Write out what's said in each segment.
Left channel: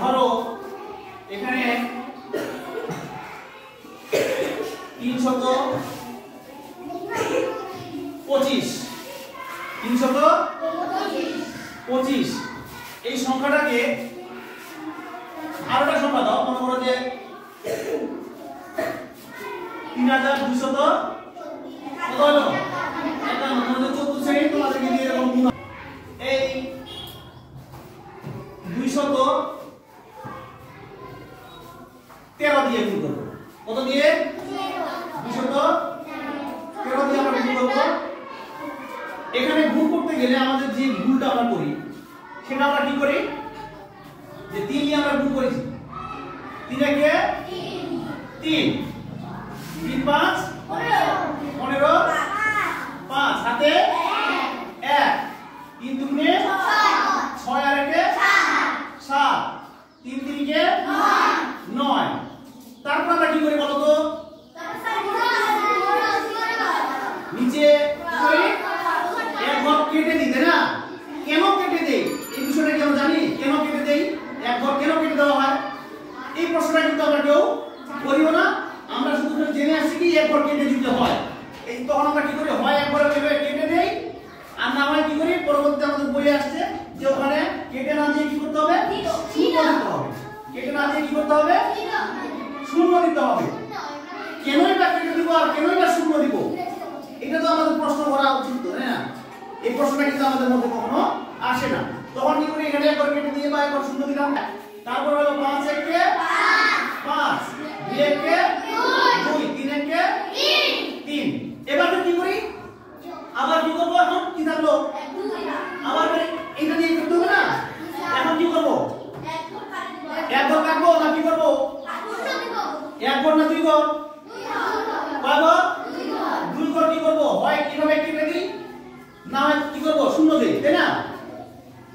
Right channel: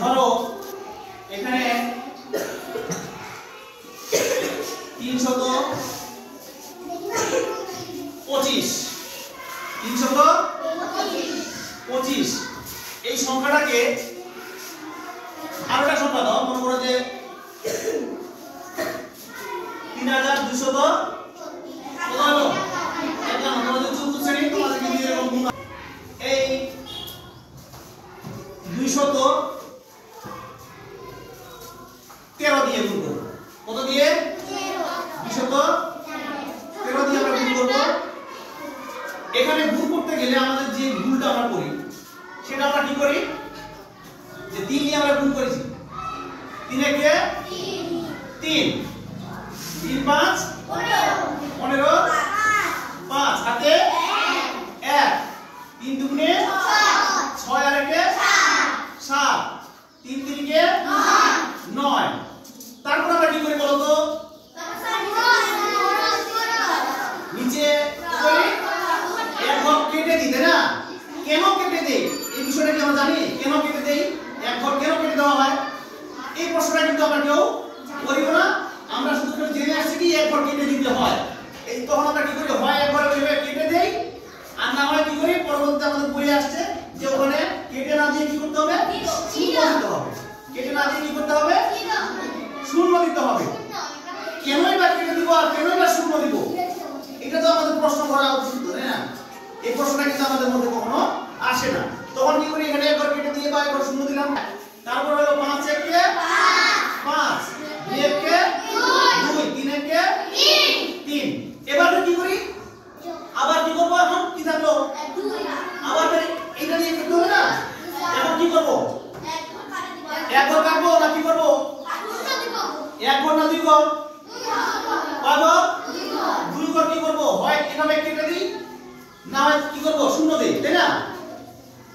ধরো এখানে 325 এই সংখ্যাটাকে আরো একটা সংখ্যা দাও, মনে করো যে 3200 কত হলো 51। তোমাদের 14 শ্রেণী তোমাদেরকে দিয়ে এরকম গুণ, এই 213 দিয়ে গুণ করব। কত দিয়ে? 213 দিয়ে আমরা গুণ করব। এখানে গুণ করতে গেলে আমাদের যে ভুলটা আমরা করি সেটা আমরা কি করি, যে 3 দিয়ে আমরা গুণ করেছি, 3 একে 3, 3 5 15, 5 হাতে 1, 3 দুগুণে 6 আর একে 7, 3 3 9। তারপর আমরা কি করি বলো তো, নিচে কি করি, এক ঘর কেটে দিই, তাই না? কেন কেটে দেই এই বিষয়টা কি আমরা জানি? কেন কেটে দেই, এক ঘর কেন কেটে দেওয়া হয় এই প্রশ্নটা কিন্তু আমরা কেউ করিও না। আমরা শুধু জেনে আসছি কি এক ঘর কেটে দিতে হয়। এই তখন আমরা কি করি, হয় এক ঘর কেটে দেই, আর না হয় কি করি পরবর্তীতে আমাদের বলে আসছে যে ওখানে কেটে না দিয়ে কি করতে হবে, শূন্য দিতে হবে। কেটে না দিয়ে কি করতে হবে, শূন্য দিতে হবে। কেনই বা কেটে দিব আর কেনই বা শূন্য দিব, এটা তো আমাদের প্রশ্ন করা উচিত, তাই না? এই প্রশ্নটা কিন্তু আমাদের মধ্যে কখনো আসে না। তখন কি করি, এখানে একবার কেটে দিয়ে বা একবার শূন্য দিলাম। তারপর হলো 5 একে 5, 2 একে 2, 3 একে 3। এবার কি করি, আবার কি করব, এখন কি থাকলো, আবার এটা দিয়ে করতে হবে না। এখন কি করব, এক ঘর কাটবো না কি করব, এক ঘর না 2 ঘর, কয় ঘর, 2 ঘর। কি করব, হয় এভাবে কেটে দিই, না হয় কি করব শূন্য দেই, তাই না?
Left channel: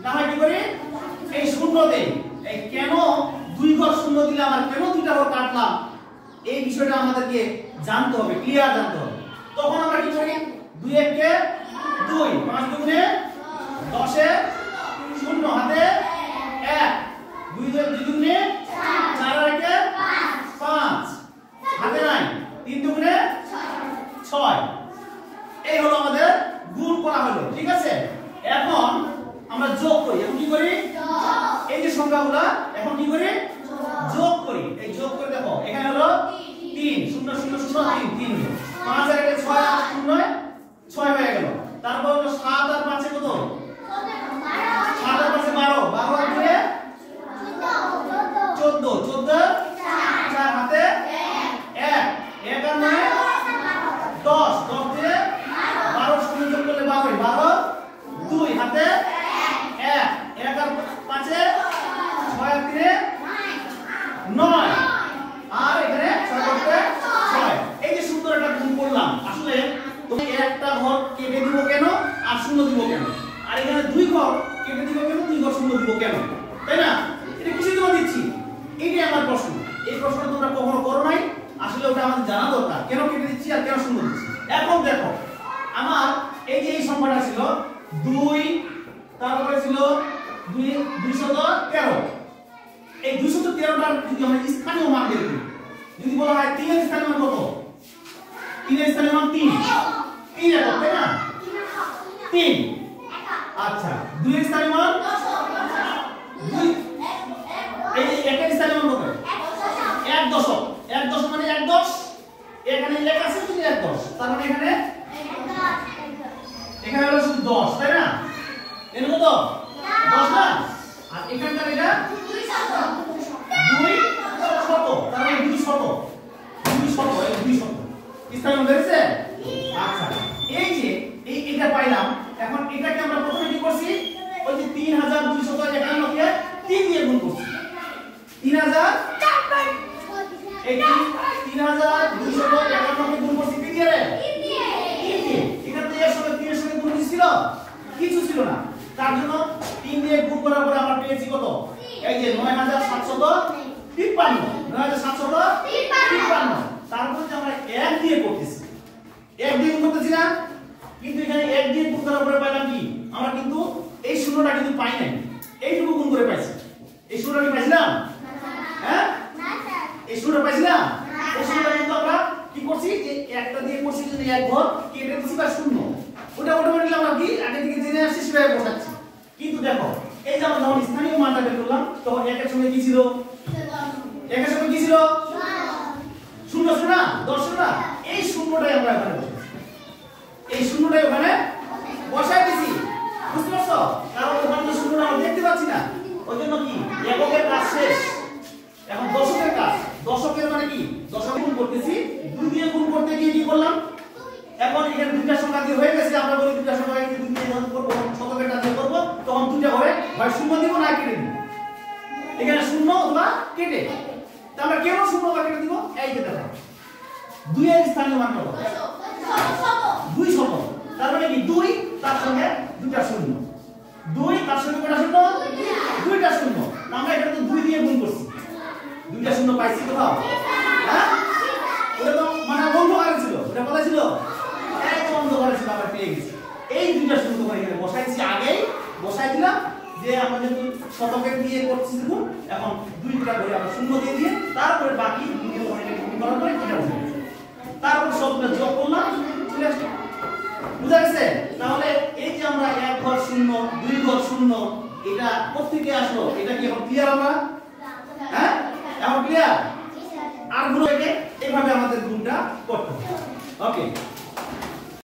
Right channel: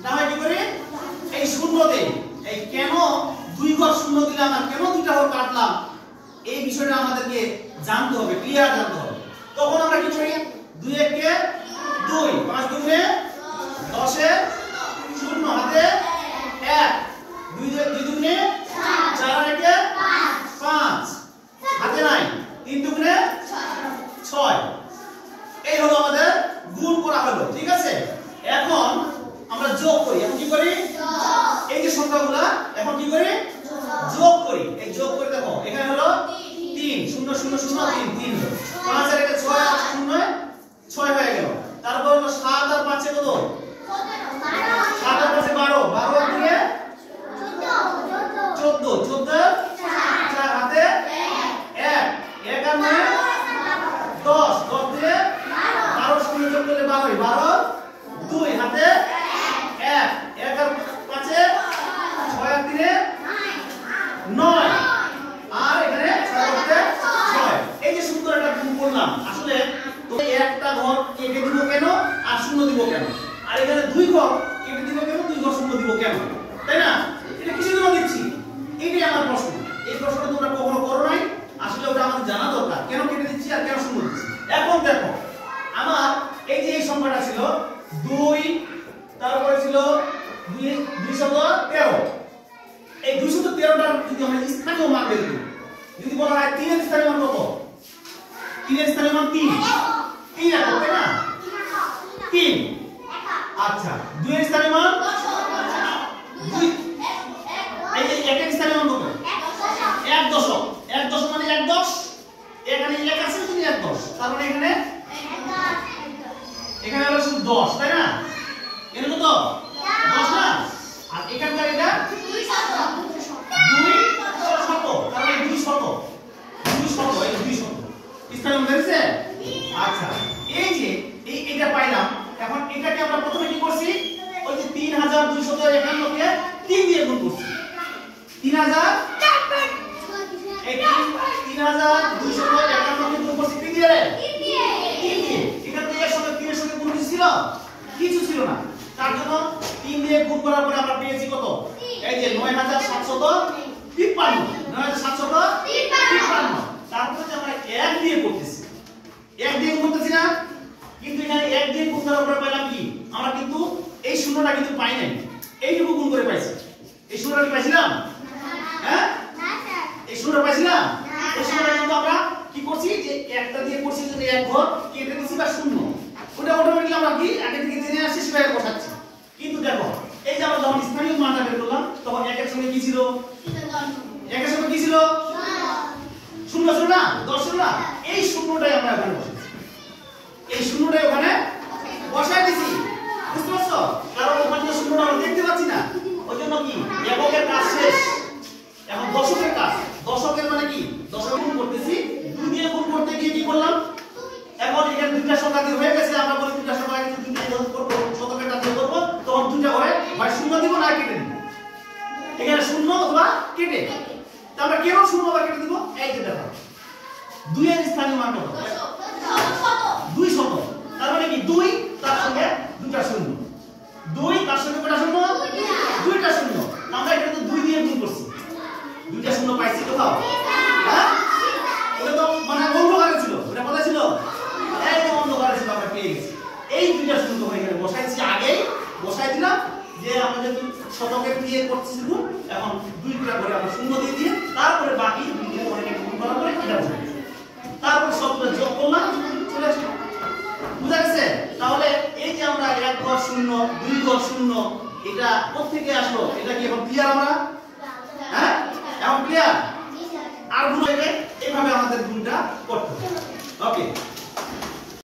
না হয় কি করি এই শূন্য দেই। এই কেন 2 ঘর শূন্য দিলাম আর কেন 2টা ঘর কাটলাম এই বিষয়টা আমাদেরকে জানতে হবে, ক্লিয়ার জানতে হবে। তখন আমরা কি করি, 2 একে 2, 5 দুগুণে 10 এ 0 হাতে 1, 2 দুগুণে 4 আর একে 5 হাতে 9, 3 দুগুণে 6। এই হলো আমাদের গুণ করা হলো, ঠিক আছে? এখন আমরা যোগ করি। এখন কি করি, এই যে সংখ্যাগুলো এখন কি করি, যোগ করি। এই যোগ করে দেখো, এখানে হলো 3 0 0 0 3 3, 5 আর একে 6 0 6 হয়ে গেল। তারপর হলো 7 আর 5 এ কত, 7 আর 5 এ 12, 12 আর 2 এ 14, 14 4 হাতে 1, 1 আর 9 10, 10 দিয়ে 12 শূন্য যোগ করলে 12, 12 2 হাতে 1, 1 আর 5 এ 6 আর 3 এ 9, আর এখানে 6 করতে 6। এই যে সুন্দর একটা গুণ করলাম। আসলে তুমি একটা ঘর কেটে দিব কেন আর শূন্য দিব কেন, আর এখানে 2 ঘর কেটে দিব কেন, 2 ঘর শূন্য দিব কেন, তাই না? এটা কিসের জন্য দিচ্ছি, এইটাই আমার প্রশ্ন। এই প্রশ্নটা তোমরা কখনো করো নাই, আসলে ওটা আমাদের জানা দরকার, কেন কেটে দিচ্ছি আর কেন শূন্য দিচ্ছি। এখন দেখো, আমার এই যে এই সংখ্যাটা ছিল 2, তারপরে ছিল 213। এই 213টার যদি আমরা স্থানীয় মান বের করি, যদি বলা হয় 3 এর স্থানীয় মান কত, 3 এর স্থানীয় মান 3, 3 একক, তাই না? 3। আচ্ছা, 2 এর স্থানীয় মান 2, এই যে 1 এর স্থানীয় মান কত, 1 দশক। 1 দশক মানে 1 10, এখানে 1 আছে শুধু 1 10, তার মানে এখানে হলো শুধু 10, তাই না? এর কত 10 না, আর এখানকার এটা 2 শত, তার মানে 2 শত, এই 2 শত স্থানীয় মান বেরিয়েছে। আচ্ছা, এই যে এইটা পাইলাম। এখন এটাকে আমরা প্রথমে কি করছি, ওই যে 3251 কে 3 দিয়ে গুণ করছি। 3000 এই 3251 কে গুণ করছি কি দিয়ে রে, 3 দিয়ে। এটা তো এর সঙ্গে 3 এর সঙ্গে গুণ ছিল, কিছু ছিল না। তার জন্য 3 দিয়ে গুণ করার পরে আমরা পেয়েছি কত, এই যে 9753, 9753। তারপরে যে আমরা 1 দিয়ে করতেছি, 1 দিয়ে গুণ করতেছি না, কিন্তু এখানে 1 দিয়ে গুণ করার পরে পাইলাম কি, আমরা কিন্তু এই শূন্যটা কিন্তু পাই নাই, এইটুকু গুণ করে পাইছি। এই শূন্যটা কি পাইছিলাম? হ্যাঁ, এই শূন্যটা পাইছিলাম। এই শূন্যটা কিন্তু আমরা কি করছি যে একটা দিয়ে করছি যে এক ঘর কেটে দিছি বা শূন্য, ওটা অটোমেটিক্যালি আমরা কি আগে থেকে জেনে আসছি সেভাবে বসাচ্ছি। কিন্তু দেখো এই যে আমরা যখন স্থানীয় মানটা বের করলাম তখন একের সঙ্গে কি ছিল? একের সঙ্গে কি ছিল? শূন্য ছিল না, 10 ছিল না। এই শূন্যটাই আমরা এখানে বসাচ্ছি, এই শূন্যটাই ওখানে বসাই দিছি। বুঝতে পারছো? কারণ ওখানে যে শূন্যটা আমরা দেখতে পাচ্ছি না, ওই জন্য কি এককের কাজ শেষ, এখন দশকের কাজ। দশকের মানে কি? দশক গুণ করতেছি, 2 দিয়ে গুণ করতে গিয়ে কি করলাম? এখন এখানে দুইটা সংখ্যা দিয়ে হয়ে গেছে, আমরা বলি দুইটা সংখ্যা দিয়ে 2 দিয়ে গুণ করব, শতকেরটা দিয়ে করব, তখন দুইটা করে হয় শূন্য দিব না কেটে দিব। এখানে শূন্য অথবা কেটে, তা আমরা কেন শূন্য অথবা কেটে দিব? এই যে দেখো 2 এর স্থানীয় মান কত? 2 শতক। তার মানে কি 2 তার সঙ্গে দুইটা শূন্য, 2 তার সঙ্গে কয়টা শূন্য? দুইটা শূন্য। আমরা এখানে 2 দিয়ে গুণ করছি, দুইটা শূন্য পাইছি কোথাও? হ্যাঁ, ওটা তো মানে অন্ধকারে ছিল, ওটা কোথায় ছিল? একদম অন্ধকারে ছিল, আমরা পেয়ে গেছি। এই দুইটা শূন্য হয়ে গেলে বসাইছি, আগেই বসাই দিলাম যে আমরা যেহেতু শতকের দিয়ে করছি গুণ, এখন দুইটা করে আমরা শূন্য দিয়ে দিয়ে তারপরে বাকি দুই করে গুণ করার পরে এটা বসাই দিয়েছি, তারপর সবগুলো যোগ করলাম, চলে আসলো। বুঝা গেছে? তাহলে এই যে আমরা এক ঘর শূন্য, 2 ঘর শূন্য, এটা কোথেকে আসলো? এটা কি এখন ক্লিয়ার আমরা? হ্যাঁ, এখন ক্লিয়ার? আর গুণ এইভাবে আমাদের গুণটা করতে হবে। ওকে।